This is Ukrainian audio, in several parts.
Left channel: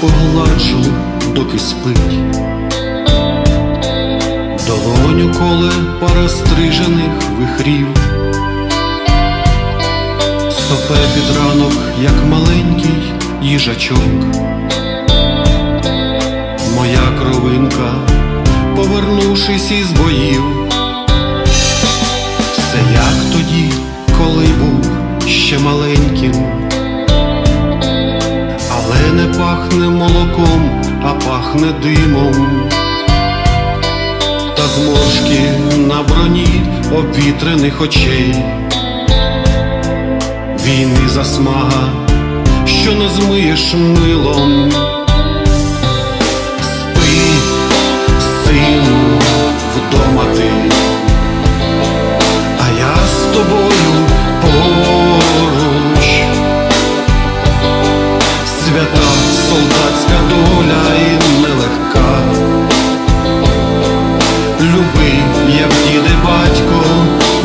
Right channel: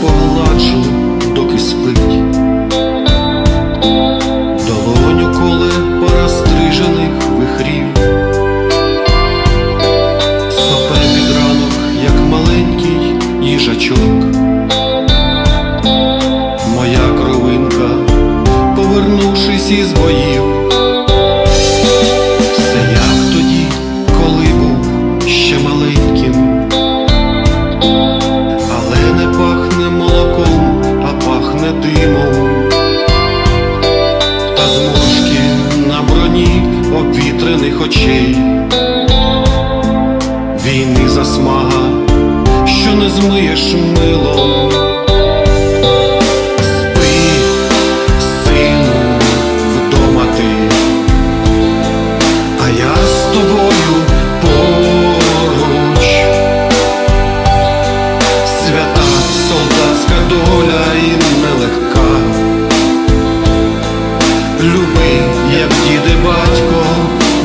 погладжу, доки спить, долоню коле пара стрижених вихрів, сопе під ранок, як маленький їжачок, моя кровинка, повернувшись із боїв, все як тоді, коли був ще маленьким не пахне молоком, а пахне димом. Та зморшки на броні обвітрених очей, війни засмага, що не змиєш милом. Спи, сину, вдома ти, солдатська доля і нелегка. Люби, як дід і батько,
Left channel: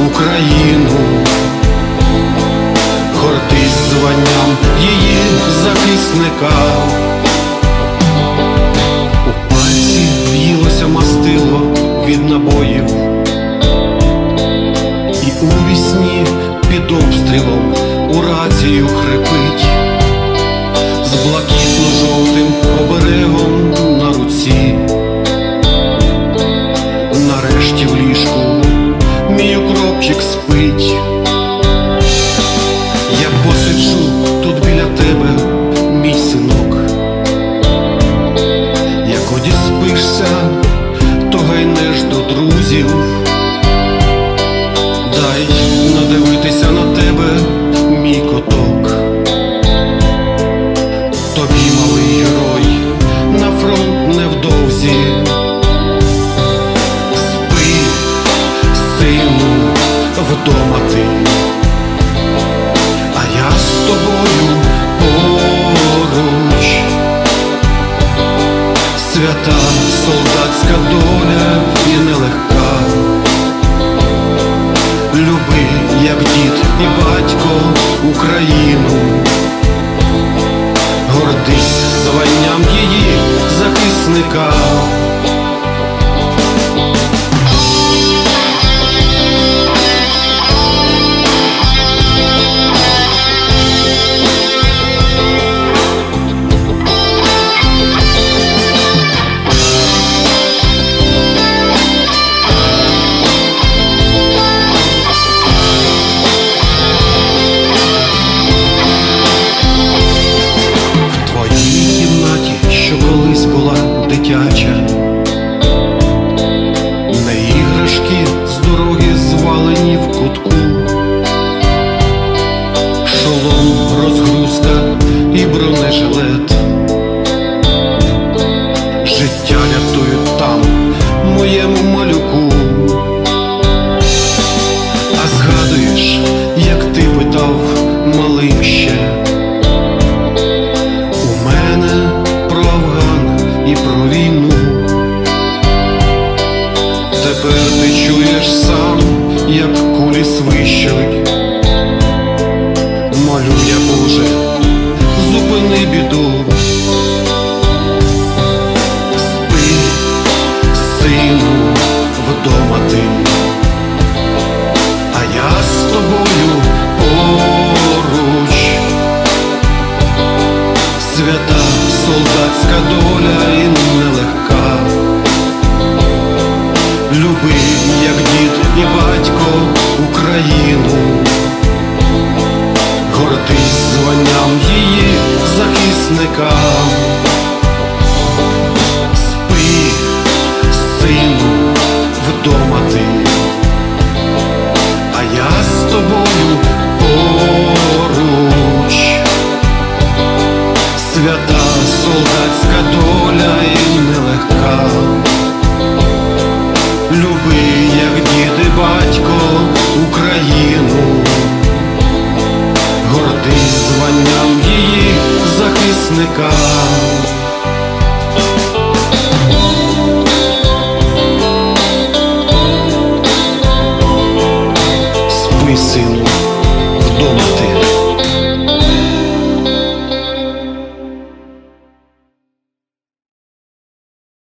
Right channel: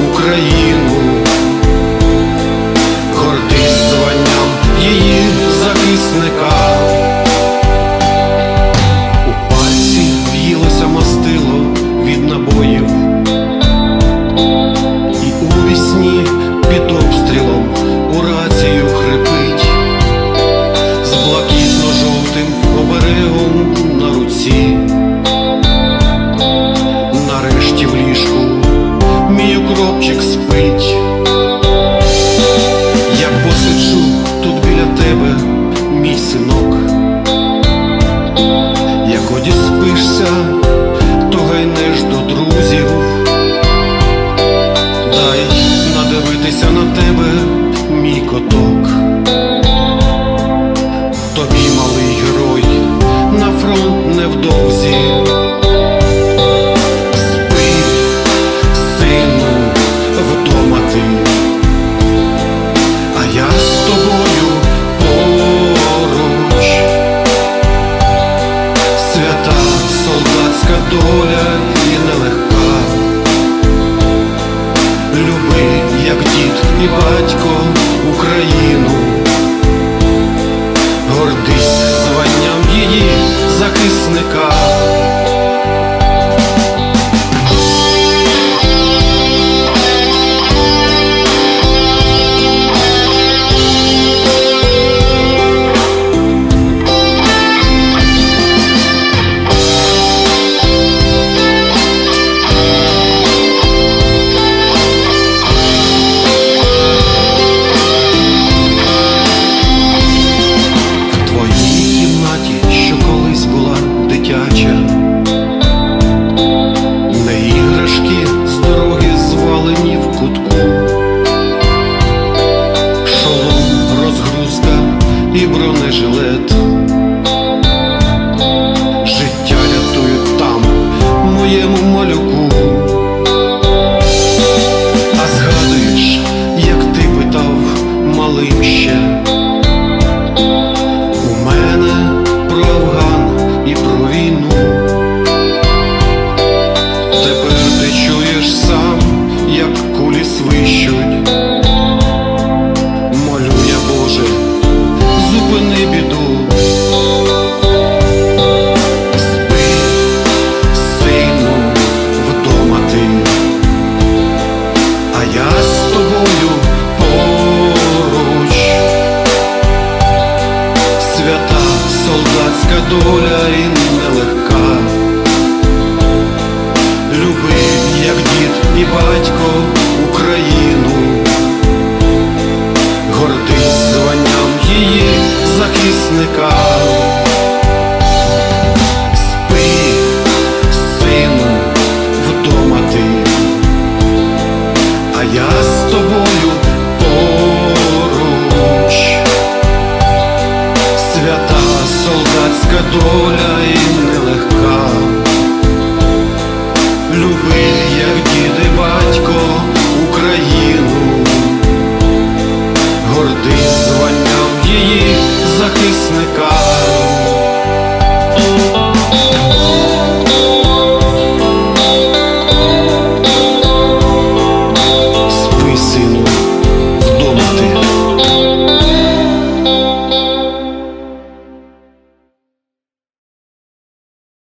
Україну, гордись званням її захисника. У пальці в'їлося мастило від набоїв, і у вісні під обстрілом у рацію хрипить, блакитно-жовтим оберегом на руці нарешті в ліжку мій укропчик спить. Я посиджу тут біля тебе, мій синок. Як оді спишся, то гайнеш до друзів. Дай надивитися на тебе, мій коток. Тобі, малий герой, на фронт невдовзі. Спи, сину, вдома ти, а я з тобою поруч. Свята солдатська доля і нелегка. Люби, як дід і батько, Україну. Гордись званням її захисника. Дитяча, не іграшки з дороги звалені в кутку, шолом, розгрузка і бронежилет. Життя рятують там, моєму малюку. І про війну. Тепер ти чуєш сам, як кулі свищуть. Молю я, Боже, зупини біду. Дід батько, Україну, гордись званням її захисника. Спи, сину, вдома ти, а я з тобою поруч свята солдатська доля і нелегка. Україну, гордись званням її захисника.